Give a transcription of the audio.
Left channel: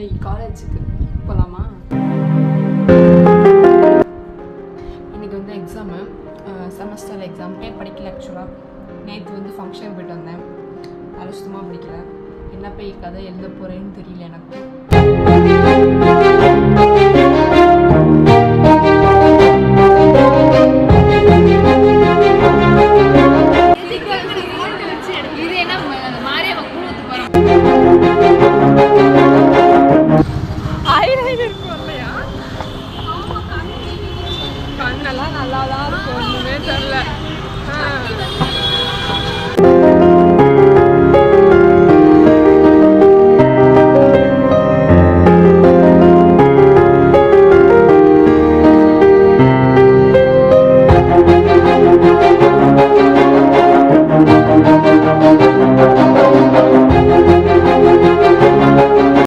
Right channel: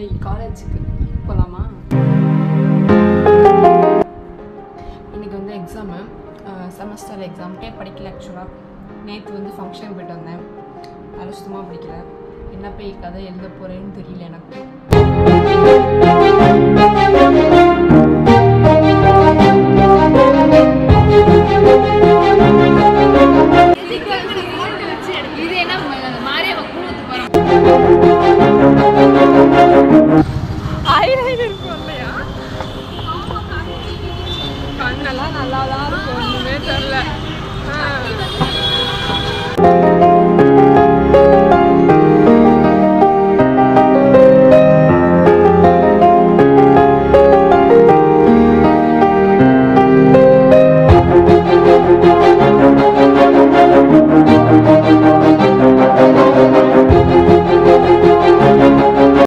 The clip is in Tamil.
இன்னைக்கு காலேஜுக்கு போகலாமா? இன்றைக்கி வந்து எக்ஸாமு, செமஸ்டர் எக்ஸாம். படிக்கல ஆக்சுவலாக. நேற்று வந்து ஃபங்க்ஷன் போய்ட்டு வந்தேன், அது சுத்தமாக பிடிக்கல. என்ன போய் கதை எழுத போகிறேன்னு தெரியல எனக்கு.